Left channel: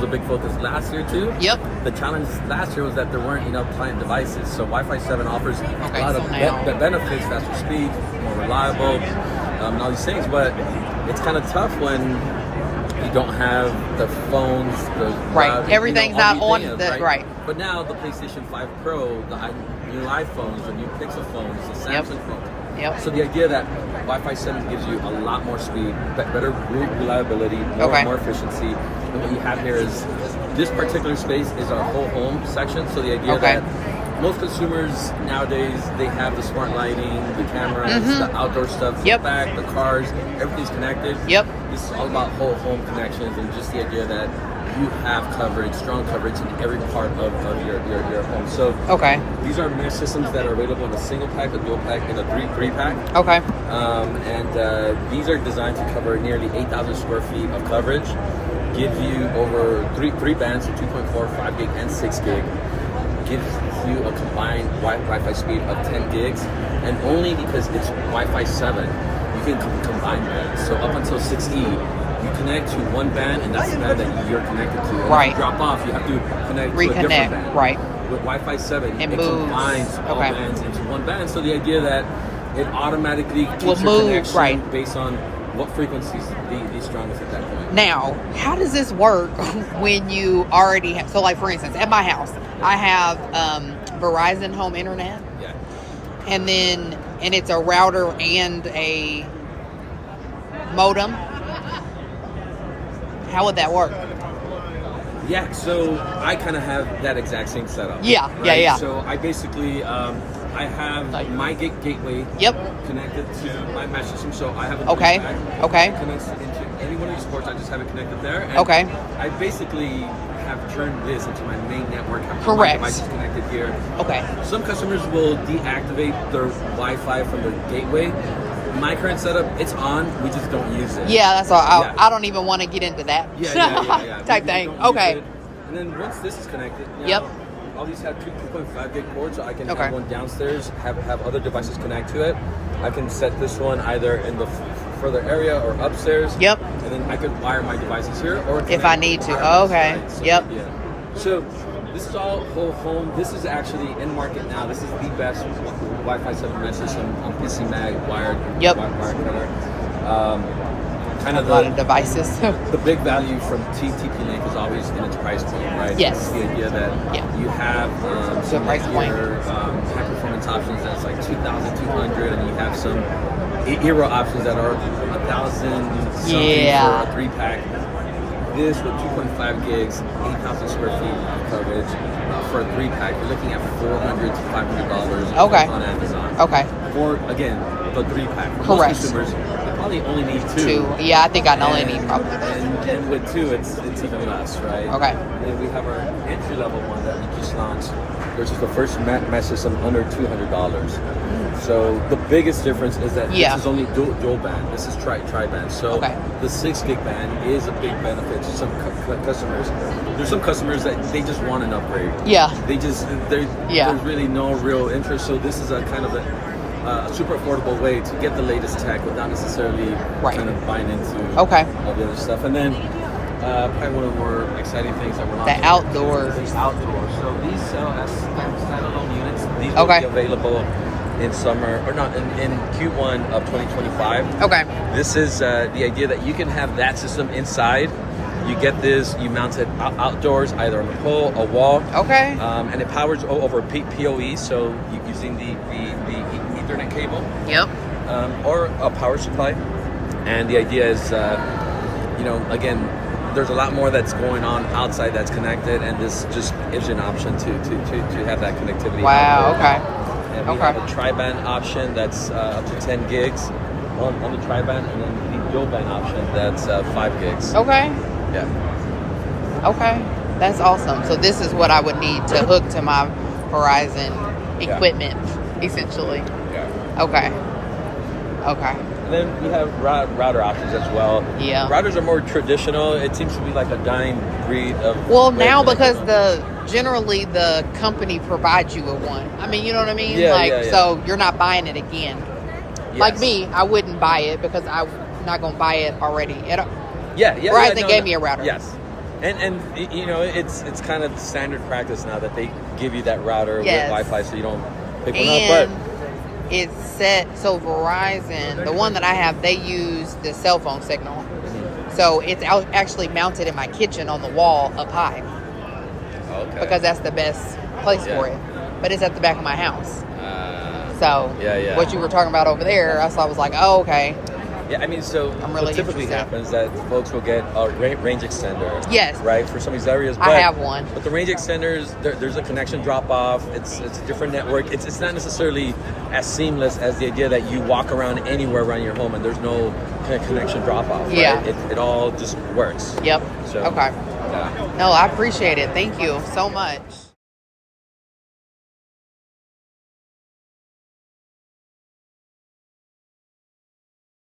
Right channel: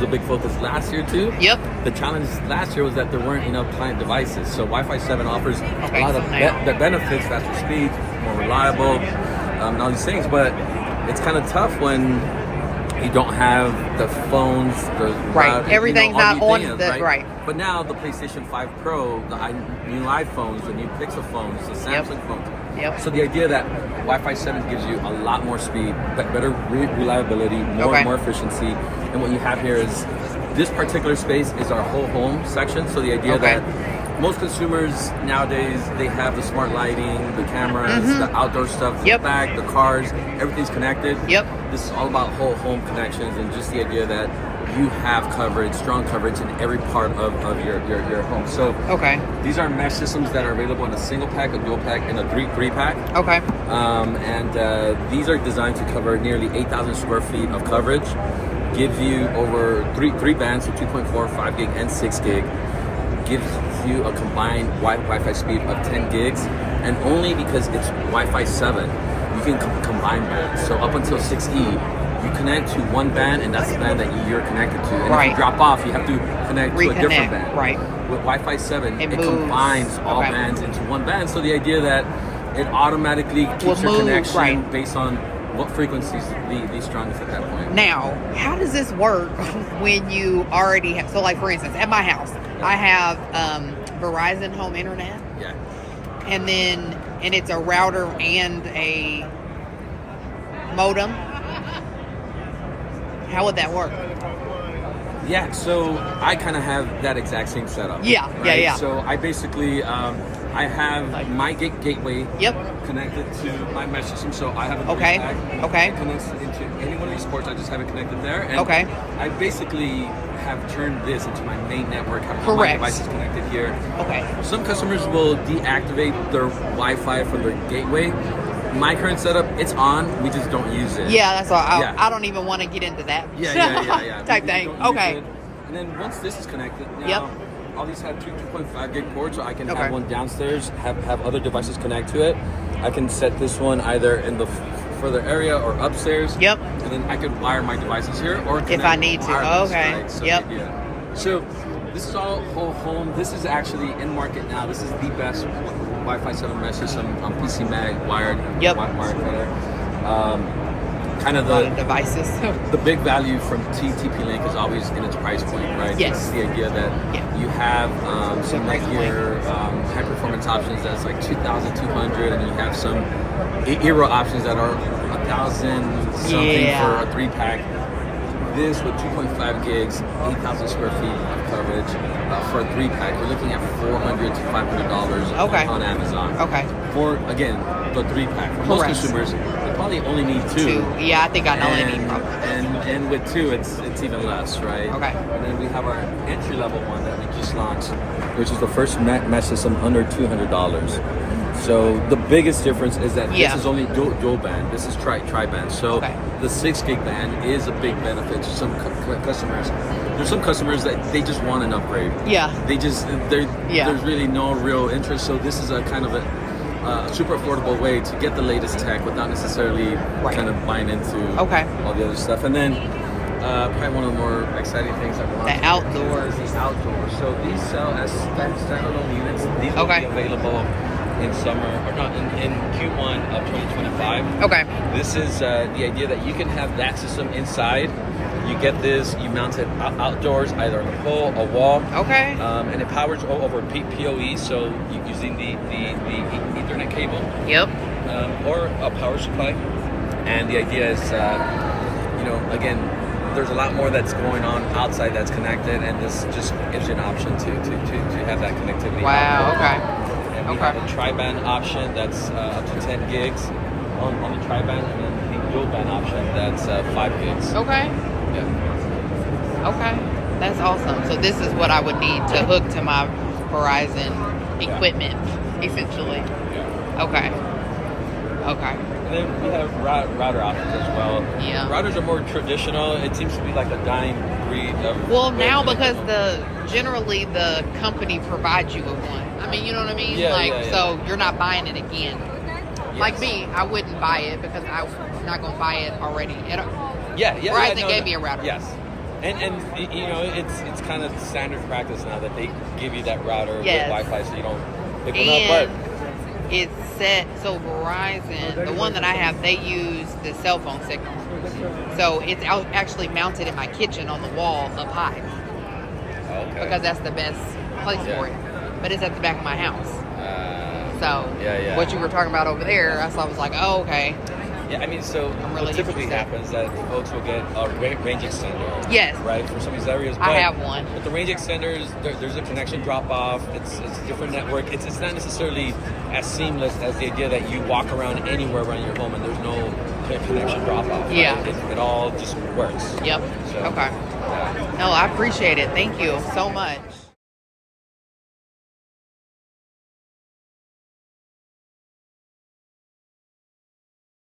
was a big focus last year too. Yep. The challenge last year was that there weren't enough client devices. So Wi-Fi 7 offers a lot of benefits, faster speeds, more reliable, and all these things. But it's kind of tough when you don't have the phones, everything's not on the right. But now the PlayStation 5 Pro, the new iPhones, the new Pixel phones, the Samsung phones. Yep. So the idea that Wi-Fi 7 gives you a lot more speed, better reliability, more efficiency. And what you have here is this particular space is our whole home section. So the idea that most consumers nowadays, they have the smart lighting, the cameras, the outdoor stuff, the back, the cars, everything's connected. Yep. This is all about whole home connections and just the idea that you have coverage, strong coverage in every part of your home. So these are mesh systems that are available in a single pack, a dual pack, and a three pack. And these are designed to cover nearly 8,000 square feet of coverage. Gives you over three bands, so 2.4, 5 gig, and 6 gig. Gives you a combined Wi-Fi speed of 10 gigs, and only because it's Wi-Fi 7, you can combine bands. So up until 6E. You connect to one band, and that's the band that you're connected to. And if you drop off, you have to connect to a different band. With Wi-Fi 7, it combines all bands into one band. So the idea that it automatically keeps your connection based on what frequencies these strongest at that point. Now, how does this work when you already have, so like for instance, at my house, I have Verizon Home Internet. Yeah. And it's a router and a modem. How would that work? Yeah, so I kind of have that exact same setup. Yeah. So I basically, I have my gateway connected to my mesh system. So I have a pack. It connects into any one of these ports. I just have it connected there. And I basically have turned this into my main network. Have all my devices connected here. Some customers will deactivate their Wi-Fi from their gateway. My current setup, it's on. We just don't use it. Yeah, that's all. I don't even want to get into that. Yeah. Type thing. Okay. And then once this is connected, now, all these have 2.5 gig ports, so I can have one downstairs, have other devices connect to it. I can set this one either in the further area or upstairs. Yep. And then I can wire my devices here, or if I need to. Right? So, this is all whole home. This is actually in market now. This is the best Wi-Fi 7 mesh system on PC Mag, wired connector. Kind of a lot of devices. The big value from TP-Link is always in its price point, right? Yes. It's the idea that you have some high performance options that's like 2,200, and you have some hero options that are 1,000 something for a 3-pack. This with 2.5 gigs, 8,000 square feet of coverage for a 3-pack, you're looking at $400 to $500 on Amazon. For again the 3-pack. For most consumers, they probably only need two. Yeah, I think I only need probably. And with two, it's even less, right? And then we have our entry level one that we just launched, which is the first mesh system under $200. So the biggest difference is that this is only dual band. This is tri-band. So the 6 gig band is a big benefit to some customers. There's some customers that they just want an upgrade. There's really no real interest. So this is a kind of a super affordable way to get the latest tech without necessarily kind of buying into all the other stuff. And then probably one of the more exciting things that we're launching. The outdoors. The outdoors. So these sell as standalone units. These will be available in summer, or not, in Q1 of 2025. This is the idea that you can have that system inside. You get this, you mount it outdoors, either on a pole, a wall. And it powers over PoE, so you're using the Ethernet cable. Or a power supply. And the idea is, again, there's a lot more that's going on outside that's connected, and this just gives you an option to have that connectivity. And we have a tri-band option that's up to 10 gigs on the tri-band, and then the dual band option that's 5 gigs. That's awesome. So this is what I would need to hook to my Verizon equipment, essentially. And then we have router options as well. Routers are more traditional. It seems to be like a dying breed of. Well, now because generally the company provides you with one. I mean, you know what I mean? So you're not buying it again. Like me, I wouldn't buy it because I'm not going to buy it already. Verizon gave me a router. And you know, it's kind of standard practice now that they give you that router yes. with Wi-Fi, so you don't pick one and up. But it's set so Verizon, the one that I have, they use the cell phone signal, so it's actually mounted in my kitchen on the wall up high, because that's the best place for it. But it's at the back of my house. So what you were talking about over there, I was like, oh, okay. Yeah, I mean, so I'm really what typically happens that folks will get a range extender. Yes. Right, for some of these areas. I have one. But the range extenders, there's a connection drop off. It's a different network. It's not necessarily as seamless as the idea that you walk around anywhere around your home and there's no connection drop off. Right? Yeah. It all just works. Yep. So, okay. No, I appreciate it. Thank you so much.